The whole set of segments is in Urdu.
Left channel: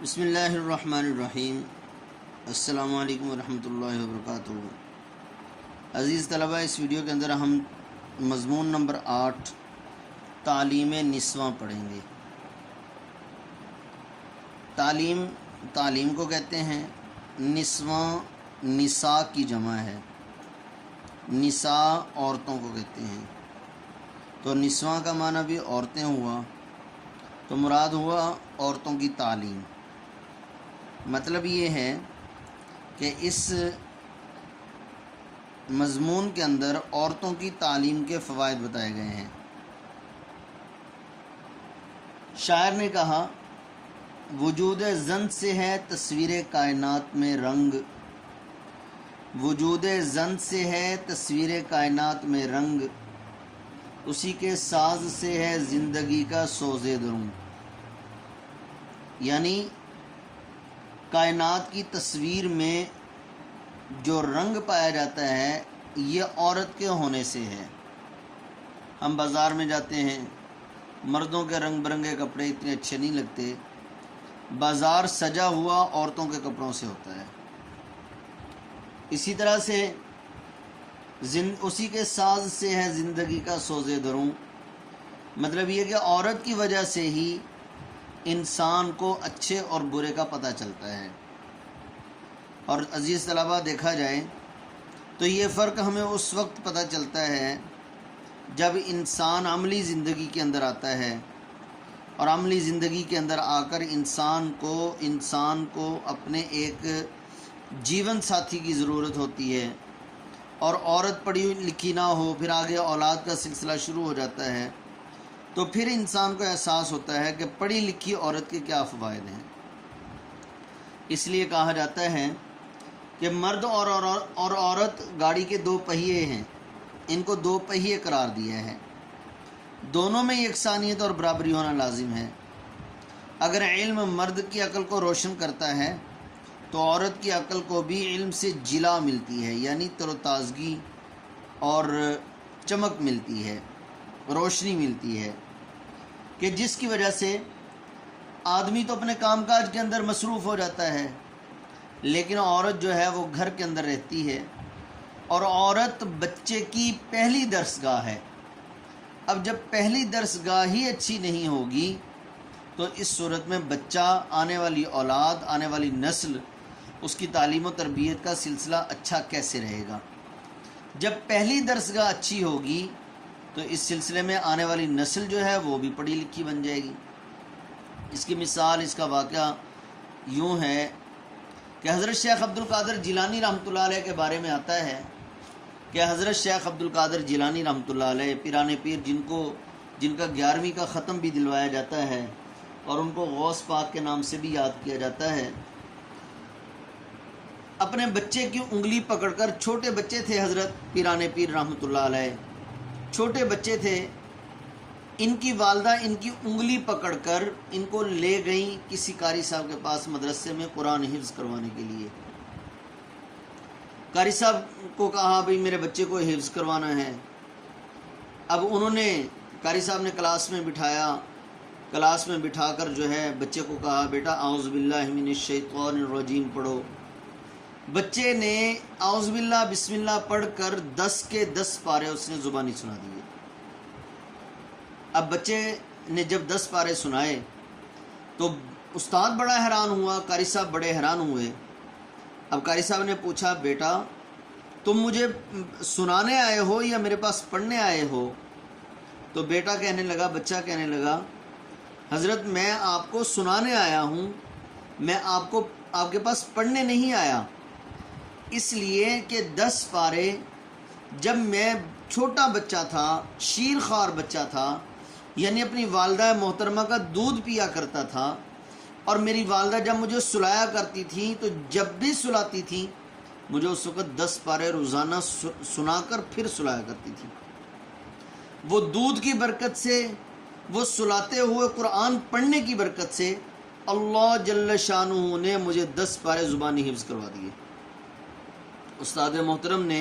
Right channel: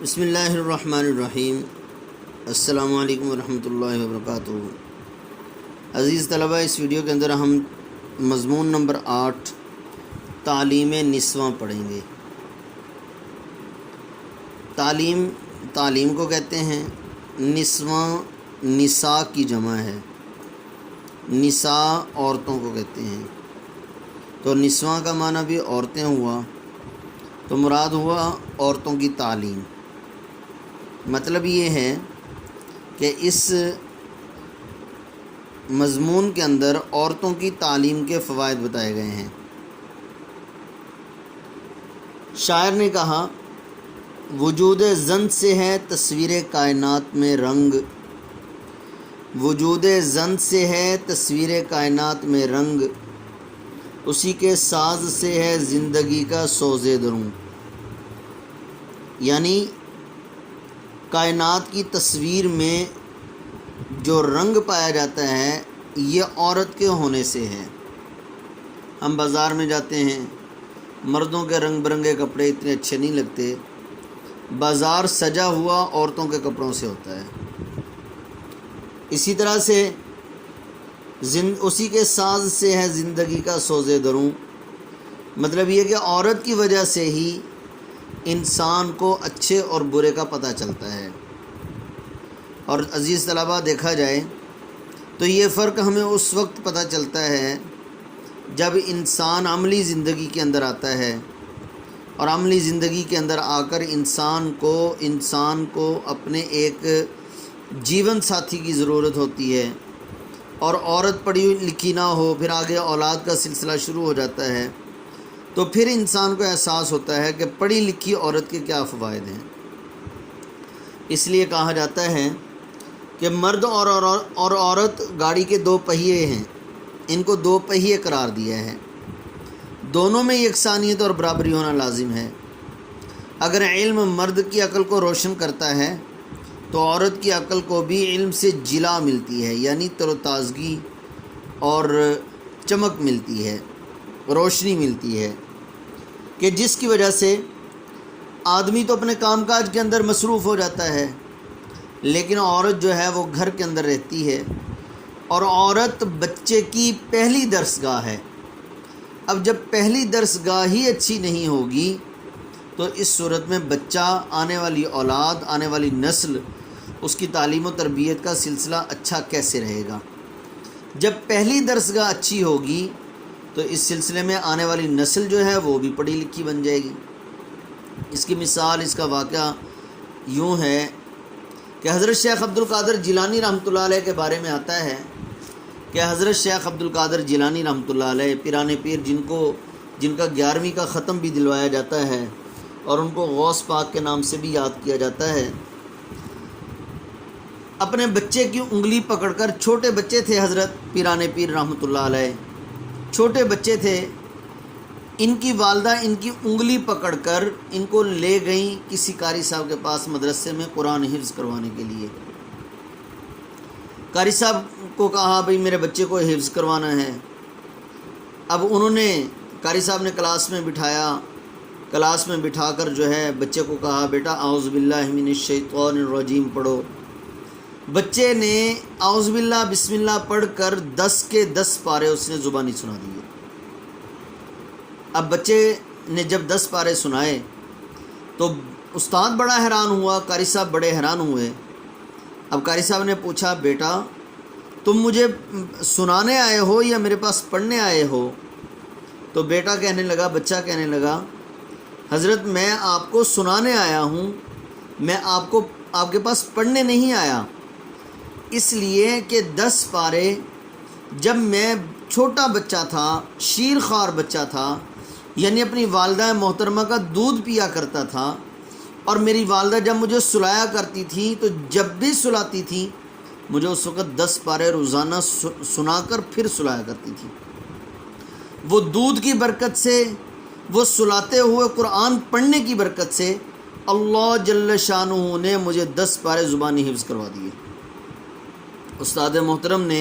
بسم اللہ الرحمن الرحیم۔ السلام علیکم ورحمۃ اللہ وبرکاتہ۔ عزیز طلبہ، اس ویڈیو کے اندر ہم مضمون نمبر 8 تعلیم نسواں پڑھیں گے۔ تعلیم کو کہتے ہیں، نسواں نساء کی جمع ہے، نساء عورتوں کو کہتے ہیں۔ تو نسواں کا معنی بھی عورتیں ہوا، تو مراد ہوا عورتوں کی تعلیم۔ مطلب یہ ہے کہ اس مضمون کے اندر عورتوں کی تعلیم کے فوائد بتائے گئے ہیں۔ شاعر نے کہا، وجود زن سے ہے تصویر کائنات میں رنگ، وجود زن سے ہے تصویر کائنات میں رنگ، اسی کے ساز سے ہے زندگی کا سوز دروں۔ یعنی کائنات کی تصویر میں جو رنگ پایا جاتا ہے یہ عورت کے ہونے سے ہے۔ ہم بازار میں جاتے ہیں، مردوں کے رنگ برنگے کپڑے اتنے اچھے نہیں لگتے، بازار سجا ہوا عورتوں کے کپڑوں سے ہوتا ہے۔ اسی طرح سے اسی کے ساز سے ہے زندگی کا سوز دروں۔ مطلب یہ کہ عورت کی وجہ سے ہی انسان کو اچھے اور برے کا پتہ چلتا ہے۔ اور عزیز طلبہ، دیکھا جائے تو یہ فرق ہمیں اس وقت پتہ چلتا ہے جب انسان عملی زندگی کے اندر آتا ہے، اور عملی زندگی کے اندر آ کر انسان کو اپنے ایک جیون ساتھی کی ضرورت ہوتی ہے، اور عورت پڑھی لکھی نہ ہو، پھر آگے اولاد کا سلسلہ شروع ہو جاتا ہے، تو پھر انسان کو احساس ہوتا ہے کہ پڑھی لکھی عورت کے کیا فوائد ہیں۔ اس لیے کہا جاتا ہے کہ مرد اور عورت گاڑی کے دو پہیے ہیں، ان کو دو پہیے قرار دیا ہے، دونوں میں یکسانیت اور برابری ہونا لازم ہے۔ اگر علم مرد کی عقل کو روشن کرتا ہے تو عورت کی عقل کو بھی علم سے جلا ملتی ہے، یعنی تر و تازگی اور چمک ملتی ہے، روشنی ملتی ہے، کہ جس کی وجہ سے آدمی تو اپنے کام کاج کے اندر مصروف ہو جاتا ہے، لیکن عورت جو ہے وہ گھر کے اندر رہتی ہے، اور عورت بچے کی پہلی درسگاہ ہے۔ اب جب پہلی درسگاہ ہی اچھی نہیں ہوگی تو اس صورت میں بچہ، آنے والی اولاد، آنے والی نسل، اس کی تعلیم و تربیت کا سلسلہ اچھا کیسے رہے گا؟ جب پہلی درسگاہ اچھی ہوگی تو اس سلسلے میں آنے والی نسل جو ہے وہ بھی پڑھی لکھی بن جائے گی۔ اس کی مثال، اس کا واقعہ یوں ہے کہ حضرت شیخ عبد القادر جیلانی رحمۃ اللہ علیہ کے بارے میں آتا ہے کہ حضرت شیخ عبد القادر جیلانی رحمۃ اللہ علیہ پیران پیر، جن کا 11ویں کا ختم بھی دلوایا جاتا ہے اور ان کو غوث پاک کے نام سے بھی یاد کیا جاتا ہے، اپنے بچے کی انگلی پکڑ کر، چھوٹے بچے تھے حضرت پیران پیر رحمۃ اللہ علیہ، چھوٹے بچے تھے، ان کی والدہ ان کی انگلی پکڑ کر ان کو لے گئیں کسی قاری صاحب کے پاس مدرسے میں قرآن حفظ کروانے کے لیے۔ قاری صاحب کو کہا، بھئی میرے بچے کو حفظ کروانا ہے۔ اب انہوں نے، قاری صاحب نے کلاس میں بٹھایا، کلاس میں بٹھا کر جو ہے بچے کو کہا، بیٹا اعوذ باللہ من الشیطان الرجیم پڑھو۔ بچے نے اعوذ باللہ بسم اللہ پڑھ کر 10 کے 10 پارے اس نے زبانی سنا دیے۔ اب بچے نے جب 10 پارے سنائے تو استاد بڑا حیران ہوا، قاری صاحب بڑے حیران ہوئے۔ اب قاری صاحب نے پوچھا، بیٹا تم مجھے سنانے آئے ہو یا میرے پاس پڑھنے آئے ہو؟ تو بیٹا کہنے لگا، بچہ کہنے لگا، حضرت میں آپ کو سنانے آیا ہوں، میں آپ کے پاس پڑھنے نہیں آیا، اس لیے کہ 10 پارے جب میں چھوٹا بچہ تھا، شیر خوار بچہ تھا، یعنی اپنی والدہ محترمہ کا دودھ پیا کرتا تھا، اور میری والدہ جب مجھے سلایا کرتی تھی تو جب بھی سلاتی تھی مجھے اس وقت 10 پارے روزانہ سنا کر پھر سلایا کرتی تھی۔ وہ دودھ کی برکت سے، وہ سلاتے ہوئے قرآن پڑھنے کی برکت سے اللہ جل شانہ نے مجھے 10 پارے زبانی حفظ کروا دیے۔ استاد محترم نے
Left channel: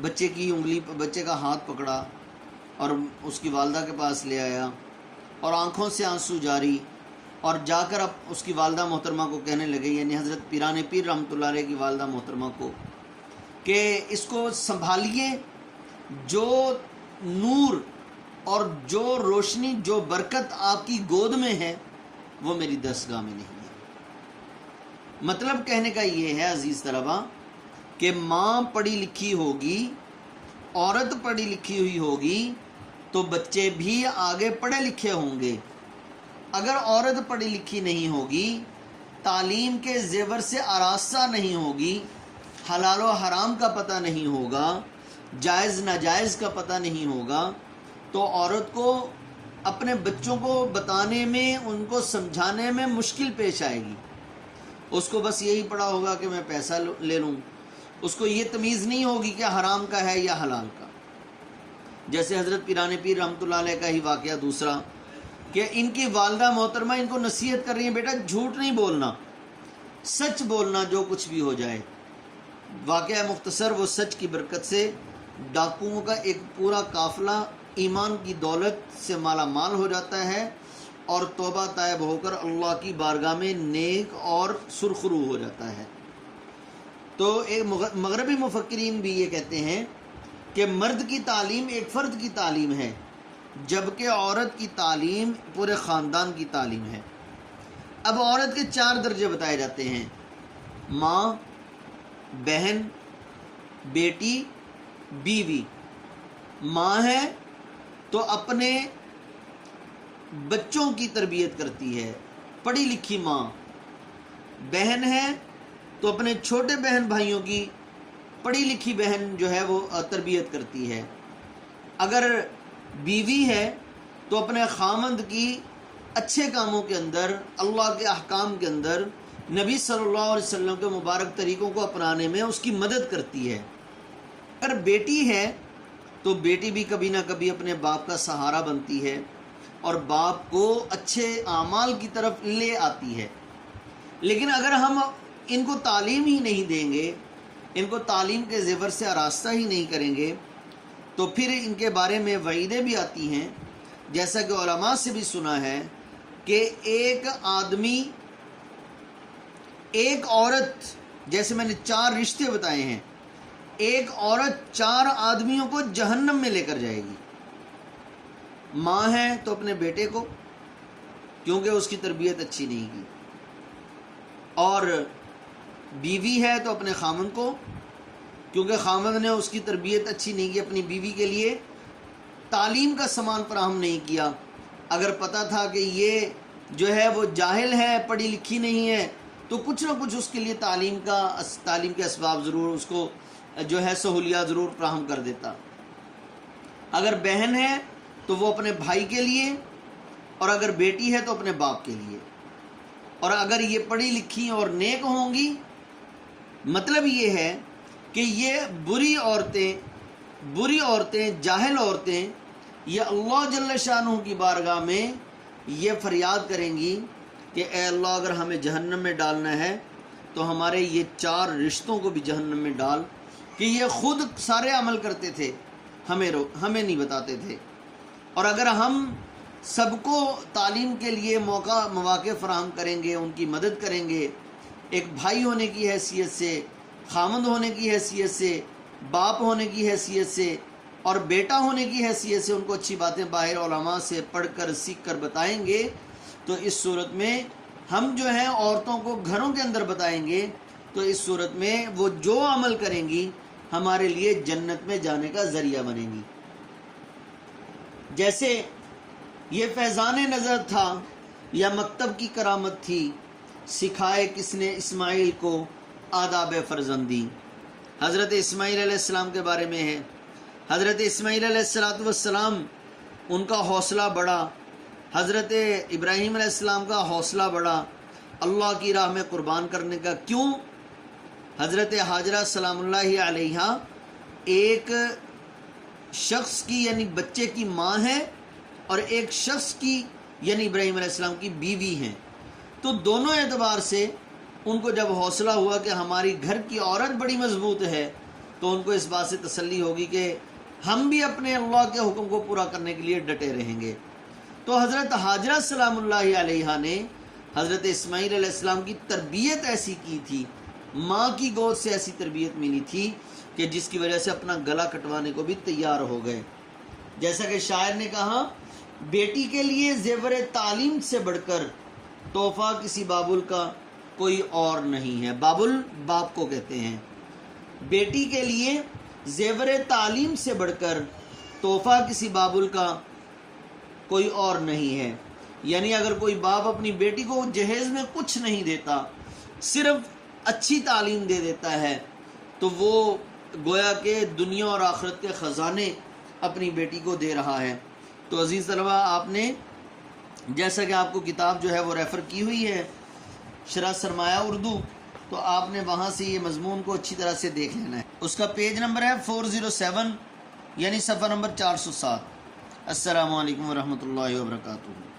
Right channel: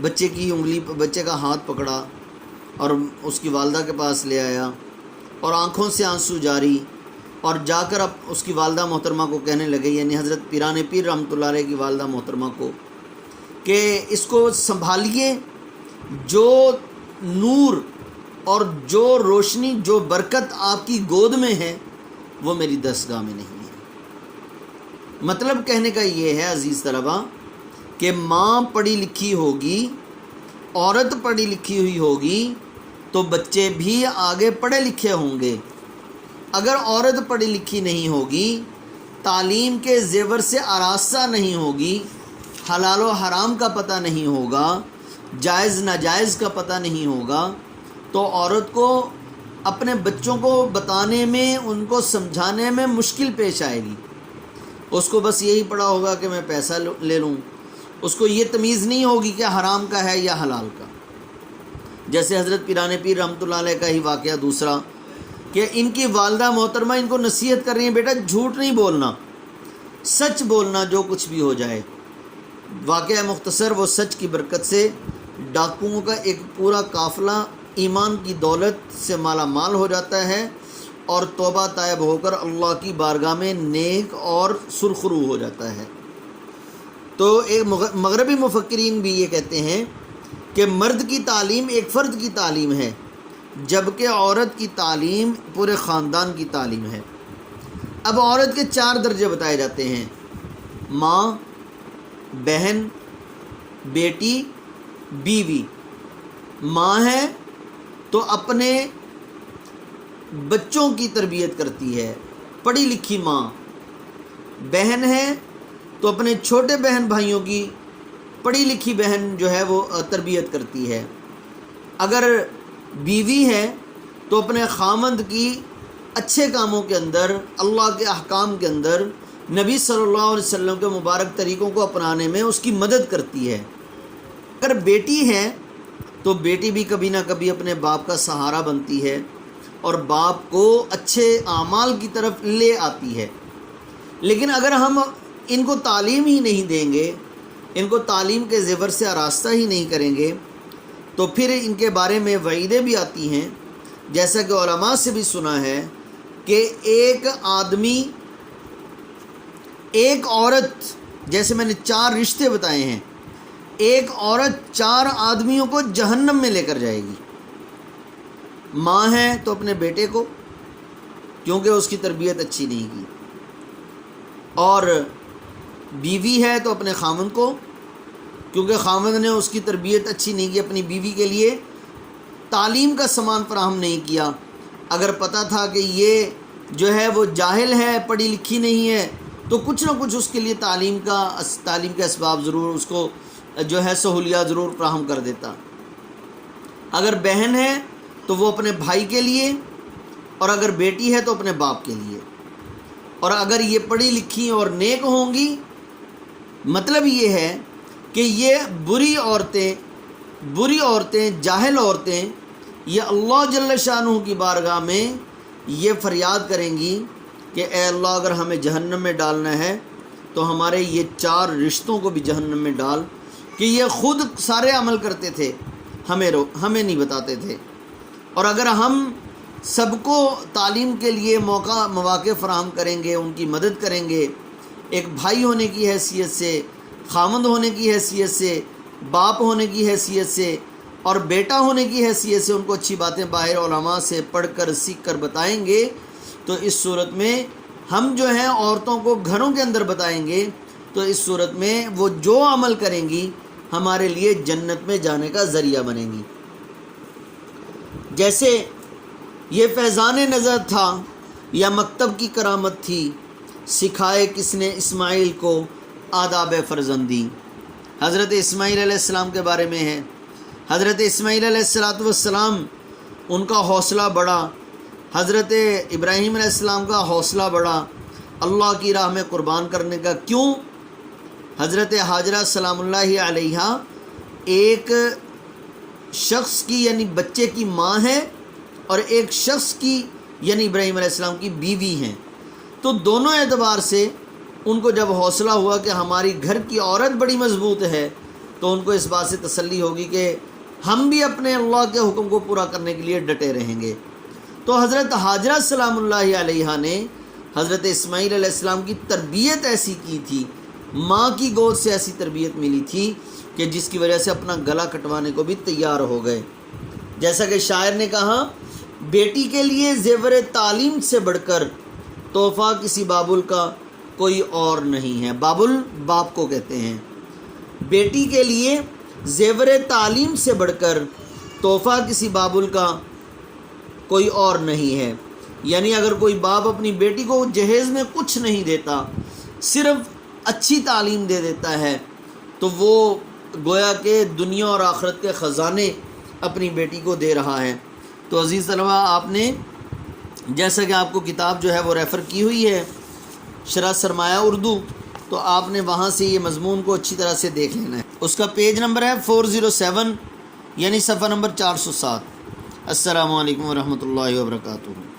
بچے کا ہاتھ پکڑا اور اس کی والدہ کے پاس لے آیا، اور آنکھوں سے آنسو جاری، اور جا کر اب اس کی والدہ محترمہ کو کہنے لگے، یعنی حضرت پیران پیر رحمۃ اللہ علیہ کی والدہ محترمہ کو، کہ اس کو سنبھالیے، جو نور اور جو روشنی، جو برکت آپ کی گود میں ہے وہ میری دستگاہ میں نہیں ہے۔ مطلب کہنے کا یہ ہے عزیز طلبہ کہ ماں پڑھی لکھی ہوگی، عورت پڑھی لکھی ہوئی ہوگی تو بچے بھی آگے پڑھے لکھے ہوں گے۔ اگر عورت پڑھی لکھی نہیں ہوگی، تعلیم کے زیور سے آراستہ نہیں ہوگی، حلال و حرام کا پتہ نہیں ہوگا، جائز ناجائز کا پتہ نہیں ہوگا، تو عورت کو اپنے بچوں کو بتانے میں، ان کو سمجھانے میں مشکل پیش آئے گی۔ اس کو بس یہی پڑا ہوگا کہ میں پیسہ لے لوں، اس کو یہ تمیز نہیں ہوگی کہ حرام کا ہے یا حلال کا۔ جیسے حضرت پیران پیر رحمۃ اللہ علیہ کا ہی واقعہ دوسرا، کہ ان کی والدہ محترمہ ان کو نصیحت کر رہی ہیں، بیٹا جھوٹ نہیں بولنا، سچ بولنا جو کچھ بھی ہو جائے۔ واقعہ مختصر، وہ سچ کی برکت سے ڈاکوؤں کا ایک پورا قافلہ ایمان کی دولت سے مالا مال ہو جاتا ہے اور توبہ طائب ہو کر اللہ کی بارگاہ میں نیک اور سرخرو ہو جاتا ہے۔ تو ایک مغربی مفکرین بھی یہ کہتے ہیں کہ مرد کی تعلیم ایک فرد کی تعلیم ہے، جبکہ عورت کی تعلیم پورے خاندان کی تعلیم ہے۔ اب عورت کے 4 درجے بتائے جاتے ہیں: ماں، بہن، بیٹی، بیوی۔ ماں ہے تو اپنے بچوں کی تربیت کرتی ہے، پڑھی لکھی ماں۔ بہن ہے تو اپنے چھوٹے بہن بھائیوں کی پڑھی لکھی بہن جو ہے وہ تربیت کرتی ہے۔ اگر بیوی ہے تو اپنے خامند کی اچھے کاموں کے اندر، اللہ کے احکام کے اندر، نبی صلی اللہ علیہ وسلم کے مبارک طریقوں کو اپنانے میں اس کی مدد کرتی ہے۔ اگر بیٹی ہے تو بیٹی بھی کبھی نہ کبھی اپنے باپ کا سہارا بنتی ہے اور باپ کو اچھے اعمال کی طرف لے آتی ہے۔ لیکن اگر ہم ان کو تعلیم ہی نہیں دیں گے، ان کو تعلیم کے زیور سے آراستہ ہی نہیں کریں گے، تو پھر ان کے بارے میں وعیدیں بھی آتی ہیں، جیسا کہ علماء سے بھی سنا ہے کہ ایک آدمی، ایک عورت، جیسے میں نے 4 رشتے بتائے ہیں، ایک عورت 4 آدمیوں کو جہنم میں لے کر جائے گی۔ ماں ہے تو اپنے بیٹے کو، کیونکہ اس کی تربیت اچھی نہیں کی، اور بیوی ہے تو اپنے خامند کو، کیونکہ خامند نے اس کی تربیت اچھی نہیں کی، اپنی بیوی کے لیے تعلیم کا سامان فراہم نہیں کیا۔ اگر پتہ تھا کہ یہ جو ہے وہ جاہل ہے، پڑھی لکھی نہیں ہے، تو کچھ نہ کچھ اس کے لیے تعلیم کے اسباب ضرور اس کو جو ہے سہولیات ضرور فراہم کر دیتا۔ اگر بہن ہے تو وہ اپنے بھائی کے لیے، اور اگر بیٹی ہے تو اپنے باپ کے لیے۔ اور اگر یہ پڑھی لکھی اور نیک ہوں گی، مطلب یہ ہے کہ یہ بری عورتیں، جاہل عورتیں، یہ اللہ جل شانہ کی بارگاہ میں یہ فریاد کریں گی کہ اے اللہ، اگر ہمیں جہنم میں ڈالنا ہے تو ہمارے یہ 4 رشتوں کو بھی جہنم میں ڈال، کہ یہ خود سارے عمل کرتے تھے، ہمیں نہیں بتاتے تھے۔ اور اگر ہم سب کو تعلیم کے لیے مواقع فراہم کریں گے، ان کی مدد کریں گے، ایک بھائی ہونے کی حیثیت سے، خامند ہونے کی حیثیت سے، باپ ہونے کی حیثیت سے اور بیٹا ہونے کی حیثیت سے، ان کو اچھی باتیں باہر علماء سے پڑھ کر سیکھ کر بتائیں گے، تو اس صورت میں ہم جو ہیں عورتوں کو گھروں کے اندر بتائیں گے، تو اس صورت میں وہ جو عمل کریں گی ہمارے لیے جنت میں جانے کا ذریعہ بنیں گی۔ جیسے یہ فیضان نظر تھا یا مکتب کی کرامت تھی، سکھائے کس نے اسماعیل کو آداب فرزندی۔ حضرت اسماعیل علیہ السلام کے بارے میں ہے، حضرت اسماعیل علیہ السلام ان کا حوصلہ بڑھا، حضرت ابراہیم علیہ السلام کا حوصلہ بڑھا اللہ کی راہ میں قربان کرنے کا۔ کیوں؟ حضرت حاجرہ سلام اللہ علیہا ایک شخص کی یعنی بچے کی ماں ہے، اور ایک شخص کی یعنی ابراہیم علیہ السلام کی بیوی ہیں، تو دونوں اعتبار سے ان کو جب حوصلہ ہوا کہ ہماری گھر کی عورت بڑی مضبوط ہے، تو ان کو اس بات سے تسلی ہوگی کہ ہم بھی اپنے اللہ کے حکم کو پورا کرنے کے لیے ڈٹے رہیں گے۔ تو حضرت حاجرہ سلام اللہ علیہا نے حضرت اسماعیل علیہ السلام کی تربیت ایسی کی تھی، ماں کی گود سے ایسی تربیت ملی تھی کہ جس کی وجہ سے اپنا گلا کٹوانے کو بھی تیار ہو گئے۔ جیسا کہ شاعر نے کہا، بیٹی کے لیے زیور تعلیم سے بڑھ کر تحفہ کسی بابل کا کوئی اور نہیں ہے۔ بابل باپ کو کہتے ہیں۔ بیٹی کے لیے زیور تعلیم سے بڑھ کر تحفہ کسی بابل کا کوئی اور نہیں ہے۔ یعنی اگر کوئی باپ اپنی بیٹی کو جہیز میں کچھ نہیں دیتا، صرف اچھی تعلیم دے دیتا ہے، تو وہ گویا کہ دنیا اور آخرت کے خزانے اپنی بیٹی کو دے رہا ہے۔ تو عزیز طلبہ، آپ نے جیسا کہ آپ کو کتاب جو ہے وہ ریفر کی ہوئی ہے، شرح سرمایہ اردو، تو آپ نے وہاں سے یہ مضمون کو اچھی طرح سے دیکھ لینا ہے۔ اس کا پیج نمبر ہے 407، یعنی صفحہ نمبر 407۔ السلام علیکم ورحمۃ اللہ وبرکاتہ۔